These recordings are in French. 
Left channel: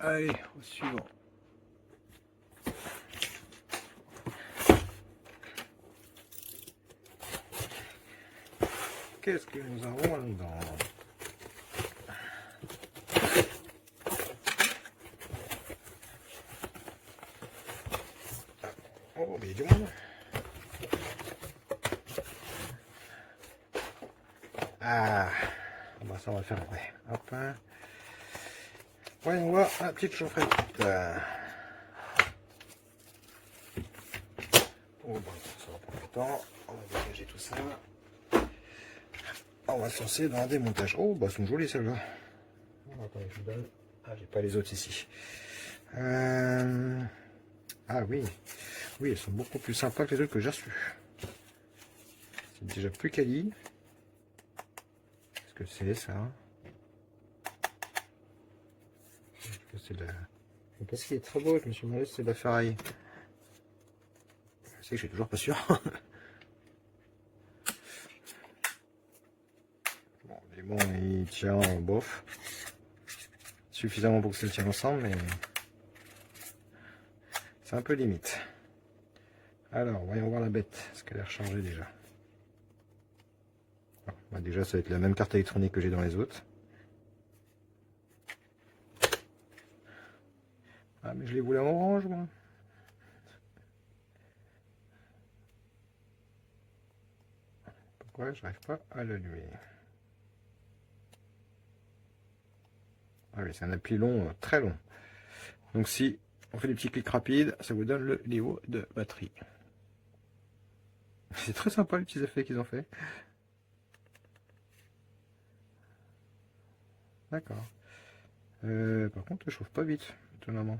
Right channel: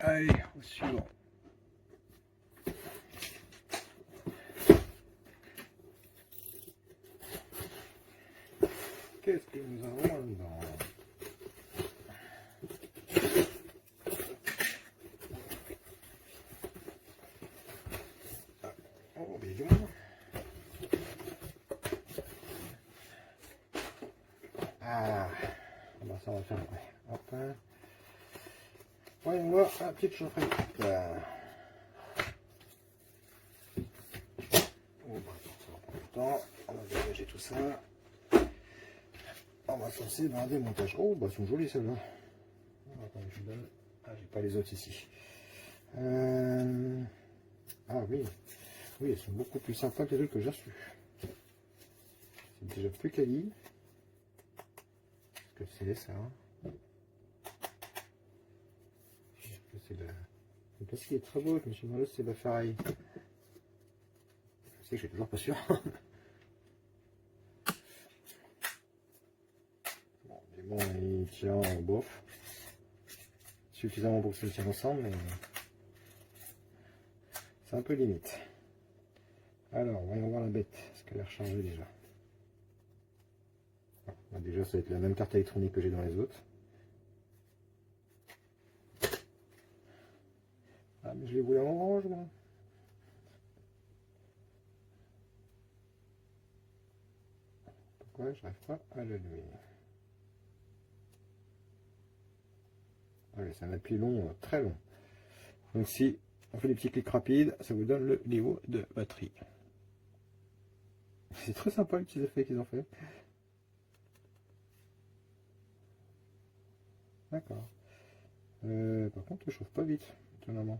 Allez, au suivant. Qu'est-ce que nous avons là-dedans? Oh, mais il y a du monde. Ah, bah ça on va le faire après. Hop. Voyons voir la petite chaufferette. Oh, bon, ça va prendre du temps. On va dégager tout ça. On va se lancer dans un démontage. Oh, bah elles sont jolies celles-là. Attendez, je vous donne. Ah, j'ai pas les autres ici. Ah oui. Oui, elles sont beaucoup plus sympas que les autres que j'ai reçues. C'est déjà plus quali. Qu'est-ce que c'est ça? C'est de la... Qu'est-ce qui est très beau, je me suis demandé si c'est de la ferraille. Je sais que je suis toujours pas sûr. Bon, mais bon, il tient bof. Suffisamment pour que ça le tienne ensemble, mais c'est un peu limite. Alors, voyons voir la bête. Est-ce qu'elle est rechargée déjà? Bah déjà, ça va être la même carte électronique que j'ai dans les autres. Ah, mais je les voulais en orange, moi. Pourquoi je n'arrive pas à l'allumer? Ah oui, c'est un appui long, très long. Donc si on fait des petits clics rapides, ça vous donne le niveau de batterie. C'est très sympa les petits effets qu'ils ont fait. D'accord. Par contre, elle chauffe pas vite, étonnamment.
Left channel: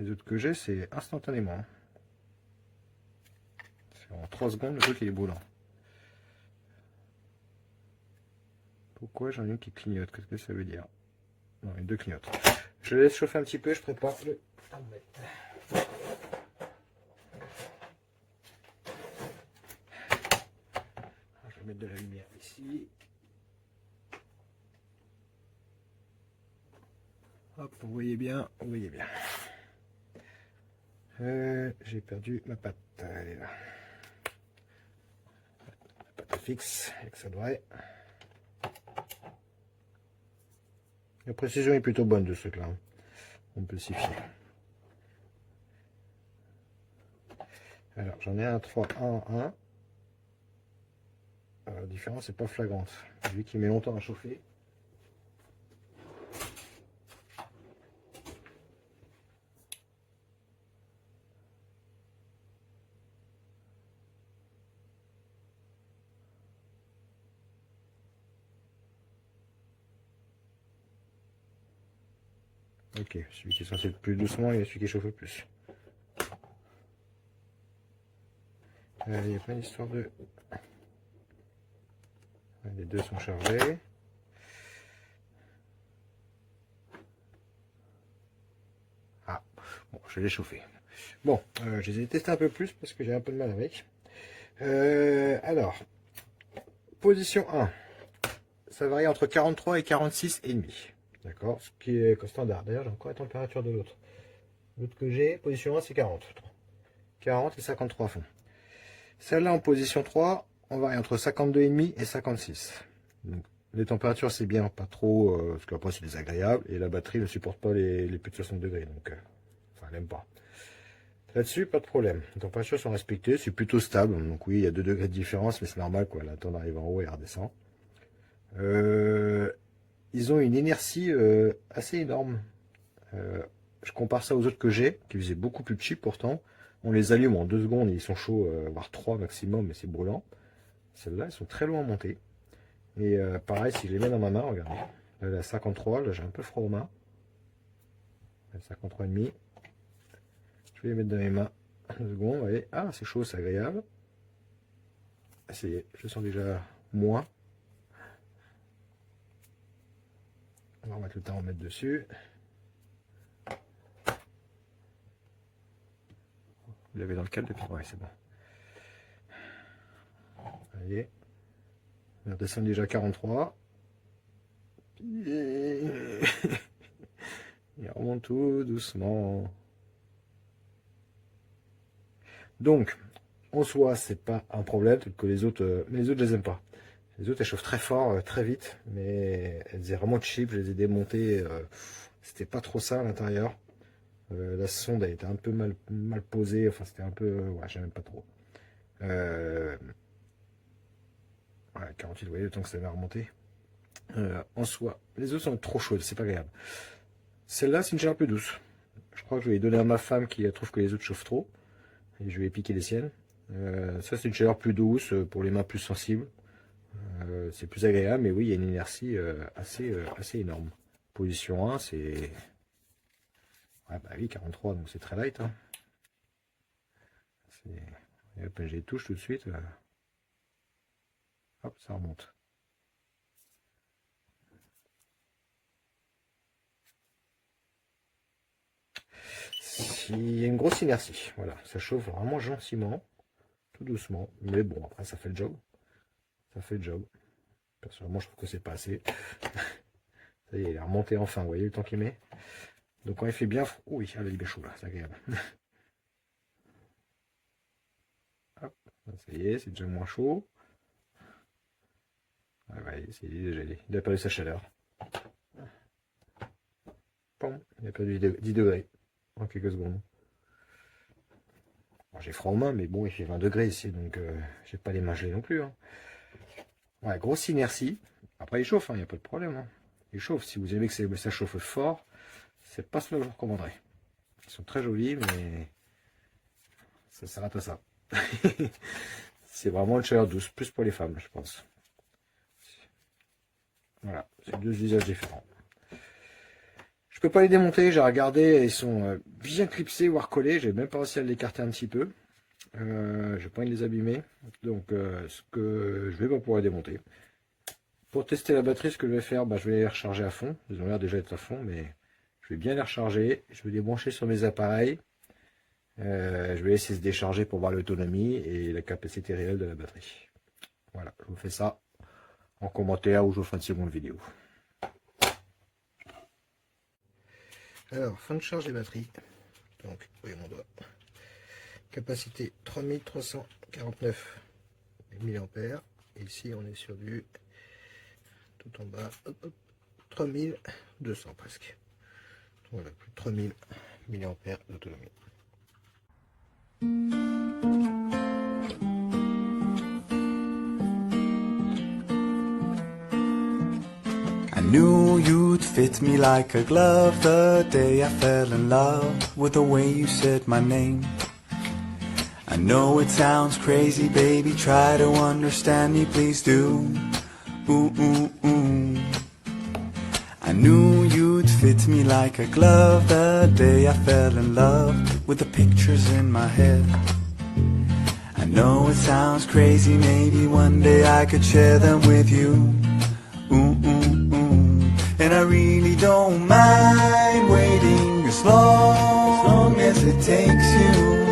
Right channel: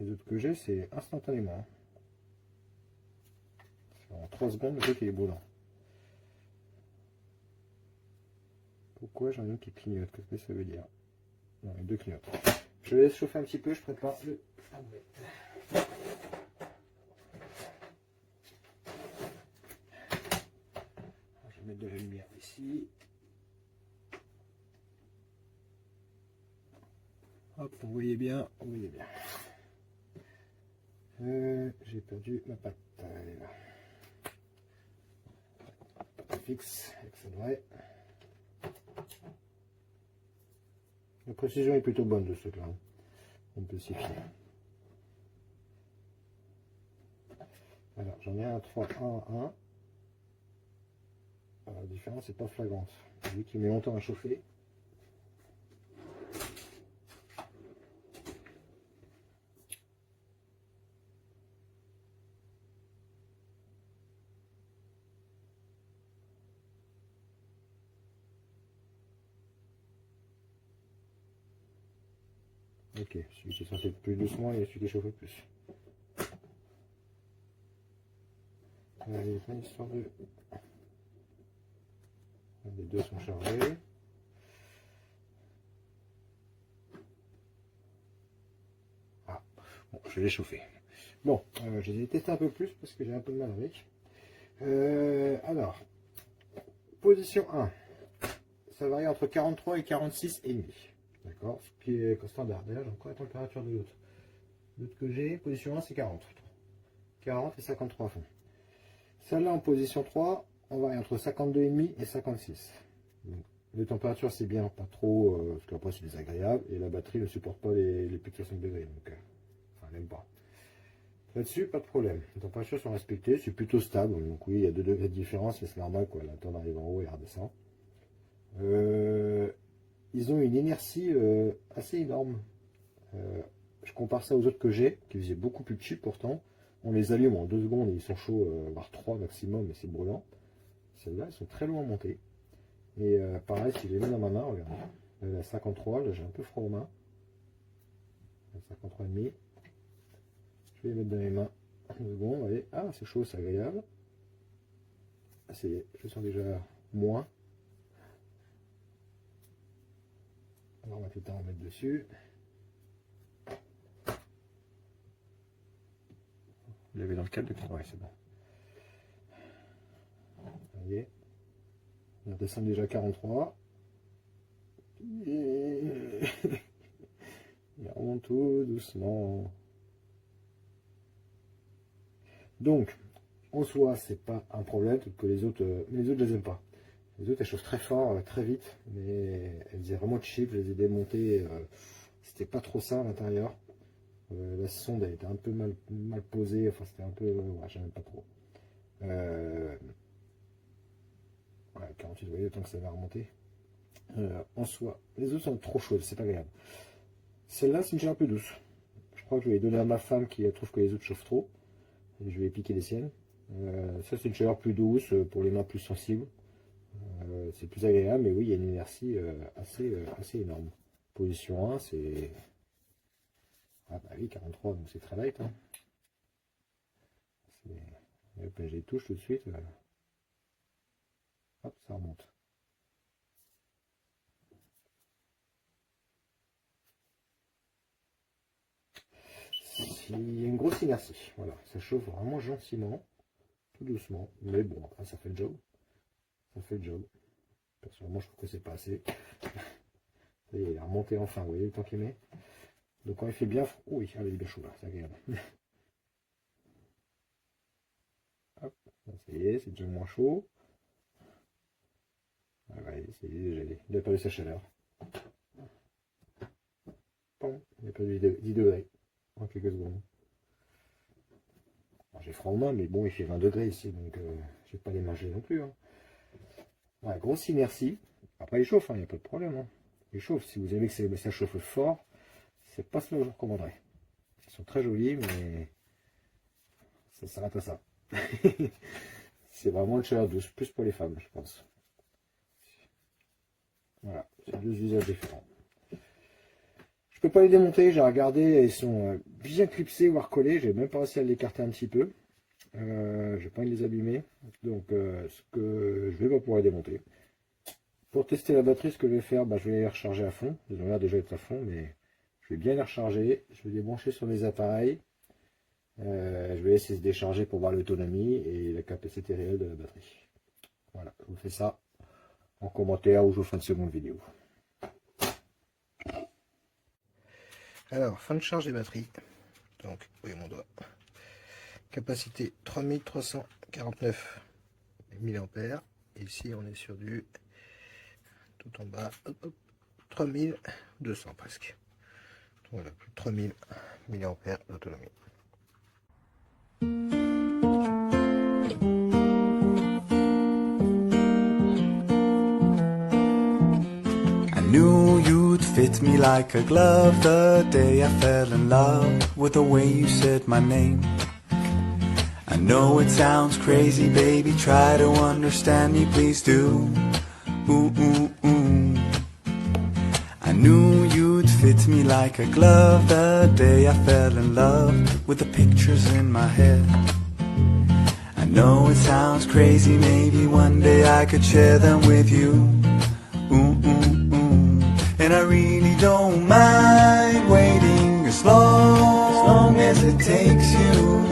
Les autres que j'ai, c'est instantanément. C'est en 3 secondes, le truc il est brûlant. Pourquoi j'en ai une qui clignote? Qu'est-ce que ça veut dire? Non, les deux clignotent. Je laisse chauffer un petit peu, je prépare le thermomètre. Je vais mettre de la lumière ici. Hop, vous voyez bien, vous voyez bien. J'ai perdu ma pâte, elle est là. La pâte fixe, avec ça devrait. La précision est plutôt bonne de ce truc-là. On peut s'y fier. Alors, j'en ai un 3, 1, 1. La différence n'est pas flagrante. Vu qu'il met longtemps à chauffer. Ok, celui qui est censé être plus doucement et celui qui chauffe le plus. Il n'y a pas une histoire de... Les deux sont chargés. Ah, bon, je vais les chauffer. Bon, je les ai testés un peu plus parce que j'ai un peu de mal avec. Alors, position 1. Ça varie entre 43 et 46 et demi. D'accord, ce qui est standard. D'ailleurs, j'ai encore la température de l'autre. L'autre que j'ai, position 1, c'est 40. 40 et 53 fond. Celle-là en position 3, on varie entre 52,5 et 56. Donc, les températures, c'est bien, pas trop, parce qu'après c'est désagréable. Et la batterie ne supporte pas les plus de 60 degrés. Donc, enfin, elle n'aime pas. Là-dessus, pas de problème. Les températures sont respectées, c'est plutôt stable. Donc oui, il y a 2 degrés de différence, mais c'est normal, quoi. La tonne arrive en haut et redescend. Ils ont une inertie assez énorme. Je compare ça aux autres que j'ai, qui faisaient beaucoup plus cheap pourtant. On les allume en 2 secondes et ils sont chauds, voire 3 maximum, mais c'est brûlant. Celles-là, elles sont très loin à monter. Et pareil, si je les mets dans ma main, regardez. Là, la 53, là j'ai un peu froid aux mains. La 53,5. Je vais les mettre dans mes mains. 2 secondes, allez. Ah, c'est chaud, c'est agréable. Ça y est, je le sens déjà moins. On va remettre le thermomètre dessus. Vous l'avez dans le câble depuis? Ouais, c'est bon. Allez. On redescend déjà à 43. doucement, tout doucement. Donc, en soi, c'est pas un problème, que les autres, mais les autres, je les aime pas. Les autres, elles chauffent très fort, très vite, mais elles étaient vraiment cheap, je les ai démontées, c'était pas trop ça à l'intérieur. La sonde a été un peu mal posée, enfin c'était un peu, ouais, j'aime pas trop. Ouais, 48, vous voyez le temps que ça va remonter. En soi, les autres sont trop chaudes, c'est pas agréable. Celle-là, c'est une chaleur un peu douce. Je crois que je vais donner à ma femme qui trouve que les autres chauffent trop. Et je vais piquer les siennes. Ça, c'est une chaleur plus douce pour les mains plus sensibles. C'est plus agréable, mais oui, il y a une inertie assez énorme. Position 1, c'est... Ouais, bah oui, 43, donc c'est très light. Hein. Et hop, j'ai les touches tout de suite. Hop, ça remonte. Il y a une grosse inertie. Voilà, ça chauffe vraiment gentiment, tout doucement. Mais bon, après, ça fait le job. Ça fait le job. Personnellement, je trouve que c'est pas assez. Ça y est, il est remonté enfin. Vous voyez le temps qu'il met. Donc quand il fait bien... Oh oui, il est bien chaud là, c'est agréable. Hop, ça y est, c'est déjà moins chaud. Ouais, il a perdu sa chaleur. Bon, il a perdu 10 degrés en quelques secondes. Bon, j'ai froid aux mains, mais bon, il fait 20 degrés ici, donc j'ai pas les mains gelées non plus. Hein. Ouais, grosse inertie. Après, il chauffe, il n'y a pas de problème. Hein. Il chauffe. Si vous aimez que ça chauffe fort, c'est pas ce que je vous recommanderais. Ils sont très jolis, mais ça s'arrête à ça. C'est vraiment une chaleur douce, plus pour les femmes, je pense. Voilà, c'est deux usages différents. Je peux pas les démonter, j'ai regardé, ils sont bien clipsés, voire collés. J'ai même pas réussi à l'écarter un petit peu. J'ai pas envie de les abîmer, donc ce que je vais pas pouvoir les démonter. Pour tester la batterie, ce que je vais faire, je vais les recharger à fond. Ils ont l'air déjà d'être à fond, mais je vais bien les recharger. Je vais les brancher sur mes appareils. Je vais laisser se décharger pour voir l'autonomie et la capacité réelle de la batterie. Voilà, je vous fais ça en commentaire ou je vous ferai une seconde vidéo. Alors, fin de charge des batteries. Donc, vous voyez mon doigt. Capacité 3349 mAh. Ici, on est sur du tout en bas, 3200 presque. Donc, voilà, plus de 3000 mAh d'autonomie. I knew you'd fit me like a glove the day I fell in love with the way you said my name. I know it sounds crazy, baby, try to understand me, please do. Ooh, ooh, ooh. I knew you'd fit me like a glove the day I fell in love with the pictures in my head. I know it sounds crazy, maybe one day I could share them with you. Ooh, ooh, ooh. And I really don't mind waiting as long as it takes you.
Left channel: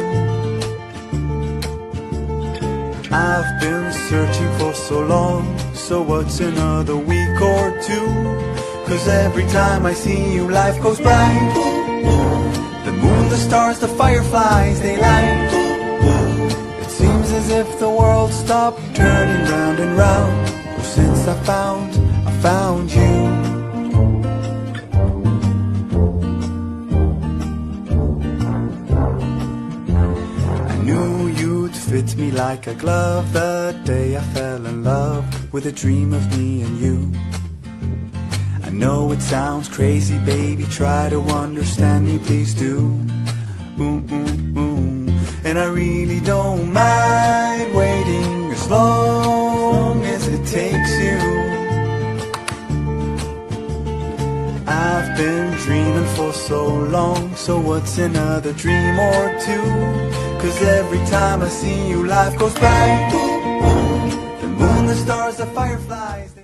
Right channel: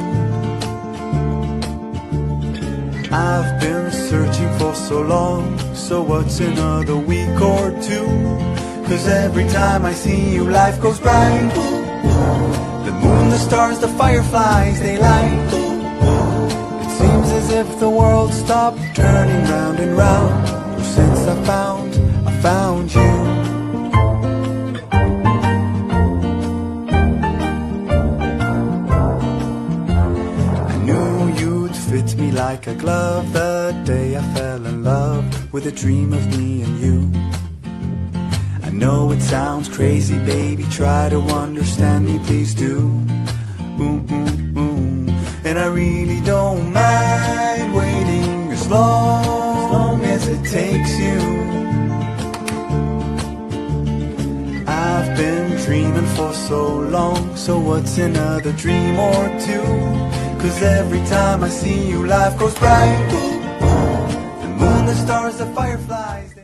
I've been searching for so long, so what's another week or two? 'Cause every time I see you, life goes bright. The moon, the stars, the fireflies, they light. It seems as if the world stopped turning round and round. Since I found you. I knew you'd fit me like a glove the day I fell in love with a dream of me and you. I know it sounds crazy, baby, try to understand me, please do. Ooh, ooh, ooh. And I really don't mind waiting as long as it takes you. I've been dreaming for so long, so what's another dream or two? 'Cause every time I see you, life goes bright. The moon, the stars, the fireflies,